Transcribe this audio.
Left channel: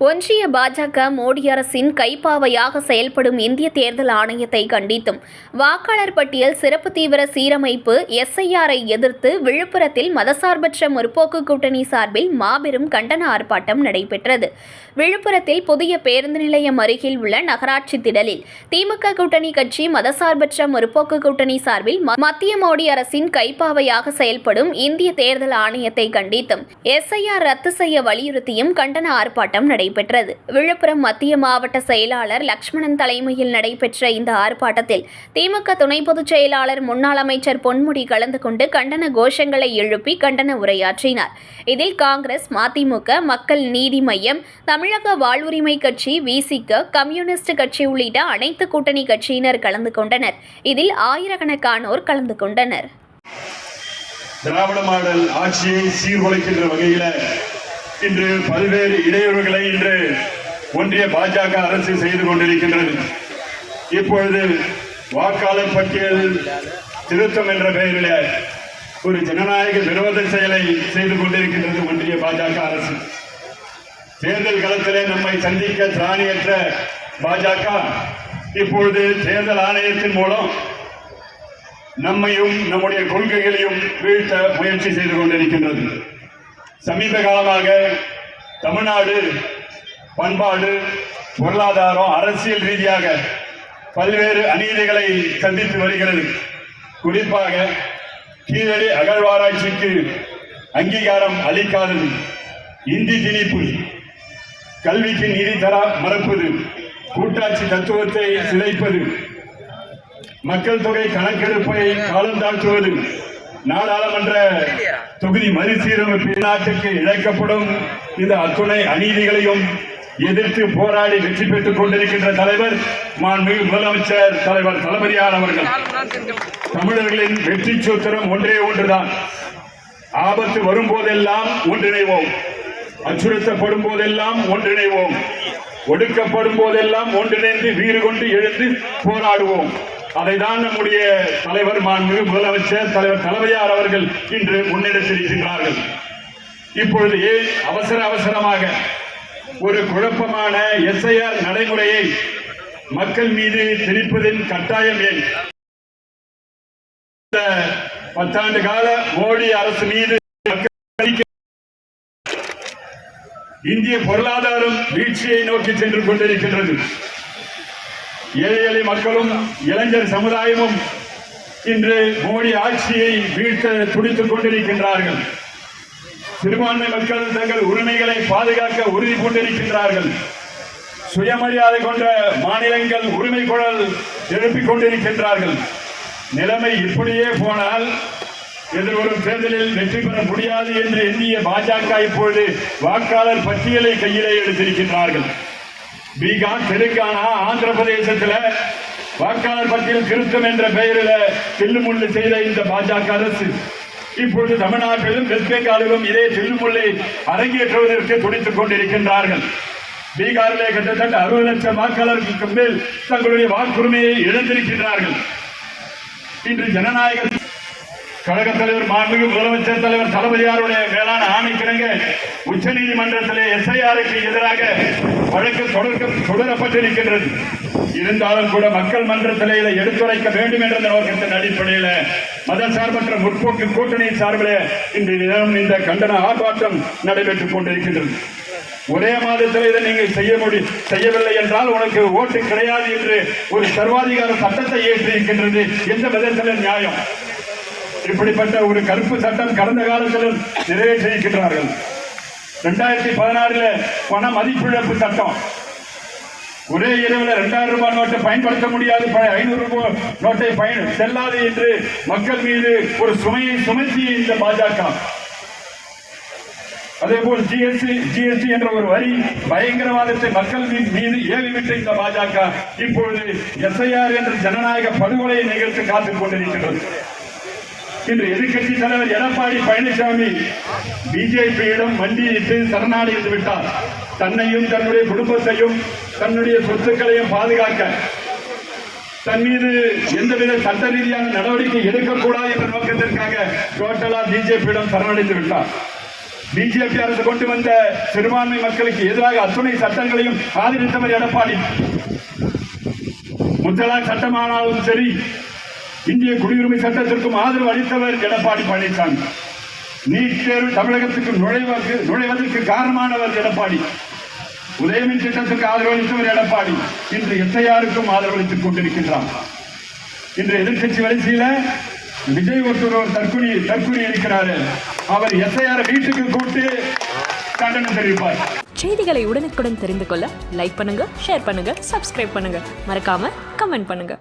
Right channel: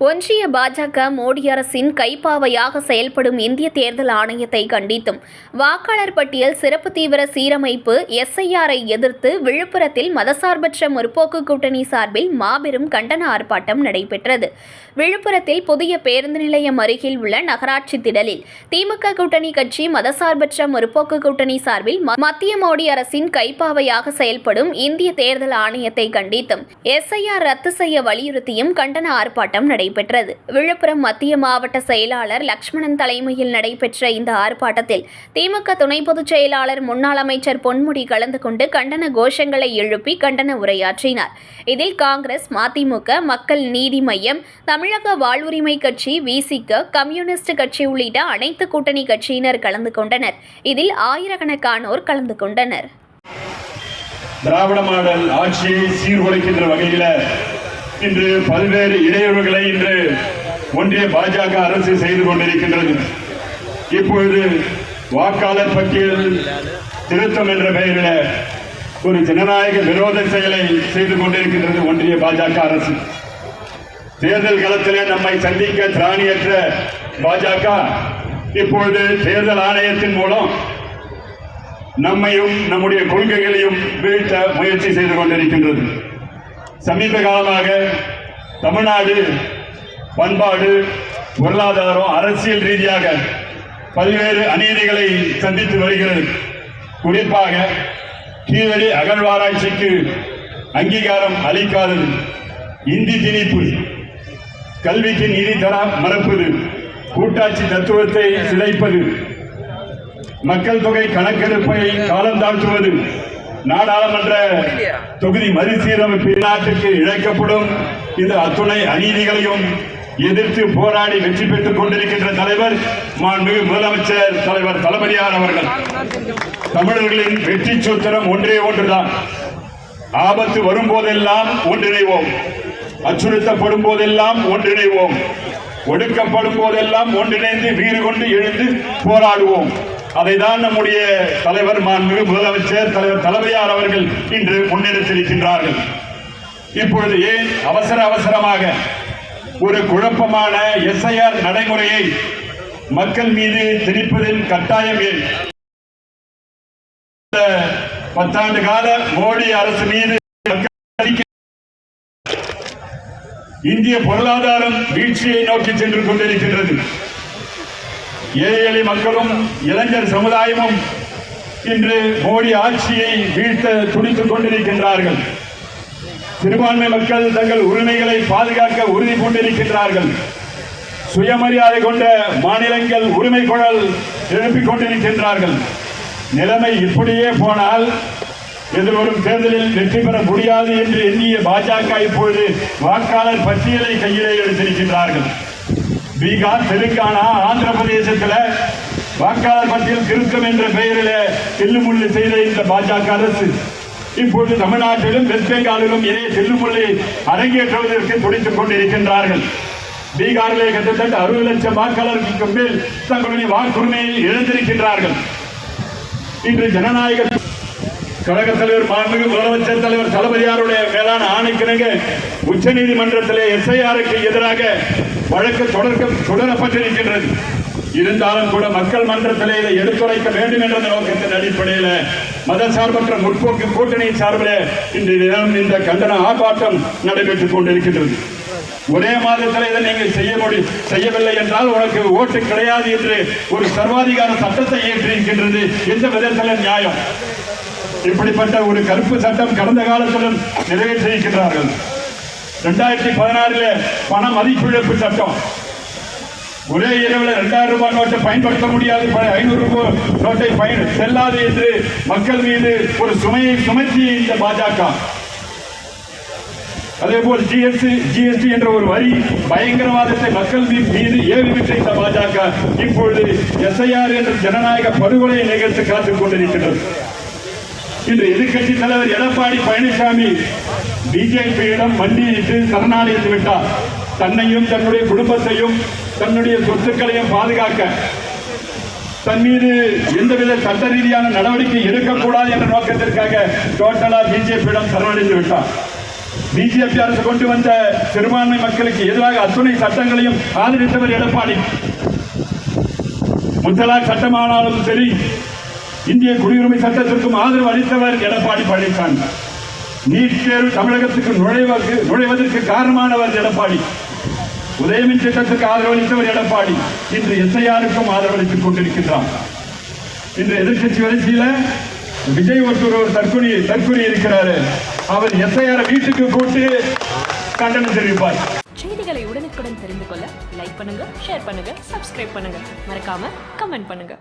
ஒன்றிய பாஜக மோடி அரசின் கைப்பாவையாக செயல்படும் இந்திய தேர்தல் ஆணையத்தை கண்டித்தும் வாக்காளர் பட்டியல் சிறப்பு தீவிர சீரமைப்பு எஸ்ஐஆரை எதிர்த்து விழுப்புரத்தில் மதசார்பற்ற முற்போக்கு கூட்டணி சார்பில் மாபெரும் கண்டன ஆர்ப்பாட்டம் நடைபெற்றது. விழுப்புரத்தில் புதிய பேருந்து நிலையம் அருகில் உள்ள நகராட்சி திடலில் திமுக கூட்டணி கட்சி மதசார்பற்ற முற்போக்கு கூட்டணி சார்பில் மத்திய மோடி அரசின் கைப்பாவையாக செயல்படும் இந்திய தேர்தல் ஆணையத்தை கண்டித்தும் எஸ்ஐஆர் ரத்து செய்ய வலியுறுத்தியும் கண்டன ஆர்ப்பாட்டம் நடைபெற்றது. விழுப்புரம் மத்திய மாவட்ட செயலாளர் லக்ஷ்மணன் தலைமையில் நடைபெற்ற இந்த ஆர்ப்பாட்டத்தில் திமுக துணை பொதுச் செயலாளர் முன்னாள் அமைச்சர் பொன்முடி கலந்து கொண்டு கண்டன கோஷங்களை எழுப்பி கண்டன உரையாற்றினார். இதில் காங்கிரஸ் மதிமுக மக்கள் நீதி மையம் தமிழக வாழ்வுரிமை கட்சி விசிக கம்யூனிஸ்ட் கட்சி உள்ளிட்ட அனைத்து கூட்டணி கட்சியினர் கலந்து கொண்டனர். இதில் ஆயிரக்கணக்கானோர் கலந்து கொண்டனர். திராவிட மாடல் ஆட்சியை சீர்குலைக்கின்ற வகையில் இன்று பல்வேறு இடையூறுகளை இன்று ஒன்றிய பாஜக அரசு செய்து கொண்டிருக்கின்றது. இப்பொழுது வாக்காளர் பட்டியல் திருத்தம் என்ற பெயரில் ஒரு ஜனநாயக விரோத செயலை செய்து கொண்டிருக்கின்றது ஒன்றிய பாஜக அரசு. தேர்தல் களத்திலே நம்மை சந்திக்க திராணியற்ற பாஜக இப்பொழுது தேர்தல் ஆணையத்தின் மூலம் நம்மையும் நம்முடைய கொள்கைகளையும் வீழ்த்த முயற்சி செய்து கொண்டிருக்கின்றது. சமீப காலமாக தமிழ்நாடு பண்பாடு பொருளாதாரம் அரசியல் ரீதியாக பல்வேறு அநீதிகளை சந்தித்து வருகிறது. குறிப்பாக கீழடி அகழ்வாராய்ச்சிக்கு அங்கீகாரம் அளிக்காதது. இந்தி திணிப்பு கல்விக்கு நிதி தர மறப்பது கூட்டாட்சி தத்துவத்தை சிதைப்பது மக்கள் தொகை கணக்கெடுப்பை காலம் தாழ்த்துவது நாடாளுமன்ற தொகுதி மறுசீரமைப்பு நாட்டுக்கு இழைக்கப்படும் இந்த அத்துணை அநீதிகளையும் எதிர்த்து போராடி வெற்றி பெற்றுக் கொண்டிருக்கின்ற தலைவர் மாண்புமிகு முதலமைச்சர் தலைவர் தளபதியார் அவர்கள். தமிழர்களின் வெற்றி சூத்திரம் ஒன்றே ஒன்றுதான். ஆபத்து வரும்போதெல்லாம் ஒன்றிணைவோம். அச்சுறுத்தப்படும் போதெல்லாம் ஒன்றிணைவோம். ஒடுக்கப்படும் போதெல்லாம் ஒன்றிணைந்து வீறு கொண்டு எழுந்து போராடுவோம். அதைதான் நம்முடைய தலைவர் மாண்பு முதலமைச்சர் தலைவர் தலைமையார் அவர்கள் இன்று முன்னெடுத்திருக்கின்றார்கள். இப்பொழுது ஏன் அவசர அவசரமாக ஒரு குழப்பமான எஸ்ஐஆர் நடைமுறையை மக்கள் மீது திணிப்பதில் கட்டாயம் ஏன்? பத்தாண்டு கால மோடி அரசு மீது இந்திய பொருளாதாரம் வீழ்ச்சியை நோக்கி சென்று கொண்டிருக்கின்றது. ஏழை எளிய மக்களும் இளைஞர் சமுதாயமும் இன்று மோடி ஆட்சியை வீழ்த்த துடித்துக் கொண்டிருக்கின்றார்கள். சிறுபான்மை மக்கள் தங்கள் உரிமைகளை பாதுகாக்க உறுதி கொண்டிருக்கின்றார்கள் சுயமரியாதை கொண்ட மாநிலங்கள் உரிமை குழல் எழுப்பிக் கொண்டிருக்கின்றார்கள். நிலைமை இப்படியே போனால் எதிர்வரும் தேர்தலில் வெற்றி பெற முடியாது என்று எண்ணிய பாஜக இப்பொழுது வாக்காளர் பட்டியலை கையிலே எடுத்திருக்கின்றார்கள். பீகார் தெலுங்கானா ஆந்திர பிரதேசத்தில் வாக்காளர் பட்டியல் திருத்தம் என்ற பெயரில் செல்லுமுள்ளு செய்த இந்த பாஜக அரசு. இப்பொழுது தமிழ்நாட்டிலும் வெஸ்ட் பெங்காலிலும் இதே செல்லுமுள்ளை அரங்கேற்றுவதற்கு துடித்துக் கொண்டிருக்கின்றார்கள். பீகாரிலே கிட்டத்தட்ட அறுபது லட்சம் வாக்காளர்களுக்கு மேல் தங்களுடைய வாக்குரிமையை இழந்திருக்கின்றார்கள். இன்று ஜனநாயக கழக தலைவர் மாண்புமிகு முதலமைச்சர் தலைவர் தளபதியாருடைய மேலான ஆணைக்கிணங்க உச்ச நீதிமன்றத்திலே எஸ்ஐஆருக்கு எதிராக வழக்கு தொடர்க்க தொடரப்பட்டிருக்கின்றது. இருந்தாலும் கூட மக்கள் மன்றத்திலே இதை எடுத்துரைக்க வேண்டும் என்ற நோக்கத்தின் அடிப்படையில் மதசார்பற்ற முற்போக்கு கூட்டணி சார்பில் இன்று தினம் இந்த கண்டன ஆர்ப்பாட்டம் நடைபெற்றுக் கொண்டிருக்கின்றது. ஒரே மாதத்தில் இதை நீங்கள் செய்ய முடி செய்யவில்லை என்றால் உனக்கு ஓட்டு கிடையாது என்று ஒரு சர்வாதிகார சட்டத்தை ஏற்றிருக்கின்றது. எந்த விதத்தில் நியாயம்? இப்படிப்பட்ட ஒரு கருப்பு சட்டம் கடந்த காலத்திலும் நிறைவேற்றியிருக்கிறார்கள் ரெண்டாயிரத்தி பதினாறுல பண மதிப்பிழப்பு சட்டம். ஒரே இரவில் இரண்டாயிரம் ரூபாய் நோட்டை பயன்படுத்த முடியாது. பழைய ஐநூறு ரூபாய் நோட்டை பயன் செல்லாது என்று மக்கள் மீது ஒரு சுமையை சுமத்தி இந்த பாஜக. அதே போல் ஜிஎஸ்டி ஜிஎஸ்டி என்ற ஒரு வரி பயங்கரவாதத்தை மக்கள் மீது மீது ஏவி விட்ட இந்த பாஜக இப்பொழுது எஸ்ஐஆர் என்ற ஜனநாயக படுகொலையை நிகழ்த்து காத்துக் கொண்டிருக்கிறது. இன்று எதிர்க்கட்சி தலைவர் எடப்பாடி பழனிசாமி பிஜேபியிடம் மண்டியிட்டு சரணாடைந்து விட்டார். தன்னையும் தன்னுடைய குடும்பத்தையும் தன்னுடைய சொத்துக்களையும் பாதுகாக்க தன் மீது எந்தவித சட்ட ரீதியான நடவடிக்கை எடுக்கக்கூடாது என்ற நோக்கத்திற்காக டோட்டலா பிஜேபியிடம் சரணடைந்து விட்டார். பிஜேபி அரசு கொண்டு வந்த சிறுபான்மை மக்களுக்கு எதிராக அத்துணை சட்டங்களையும் ஆதரித்தவர் எடப்பாடி. முத்தலாக் சட்டமானாலும் சரி இந்திய குடியுரிமை சட்டத்திற்கும் ஆதரவு அளித்தவர் எடப்பாடி பழனிசாமி. நீட் தேர்வு தமிழகத்துக்கு நுழைவதற்கு நுழைவதற்கு காரணமானவர் எடப்பாடி. உதயமின் திட்டத்துக்கு ஆதரவு அளித்தவர் எடப்பாடி. இன்று எஸ்ஐஆருக்கும் ஆதரவு அளித்துக் கொண்டிருக்கின்றார். இன்று எதிர்கட்சி வளர்ச்சியில விஜய் ஒருத்தர் தற்கொலை தற்கொலை இருக்கிறாரு. அவர் எஸ்ஐஆர் வீட்டுக்கு கூட்டு கண்டனம் தெரிவிப்பார். செய்திகளை உடனுக்குடன் தெரிந்து கொள்ள லைக் பண்ணுங்க ஷேர் பண்ணுங்க சப்ஸ்கிரைப் பண்ணுங்க. மறக்காம கமெண்ட் பண்ணுங்க.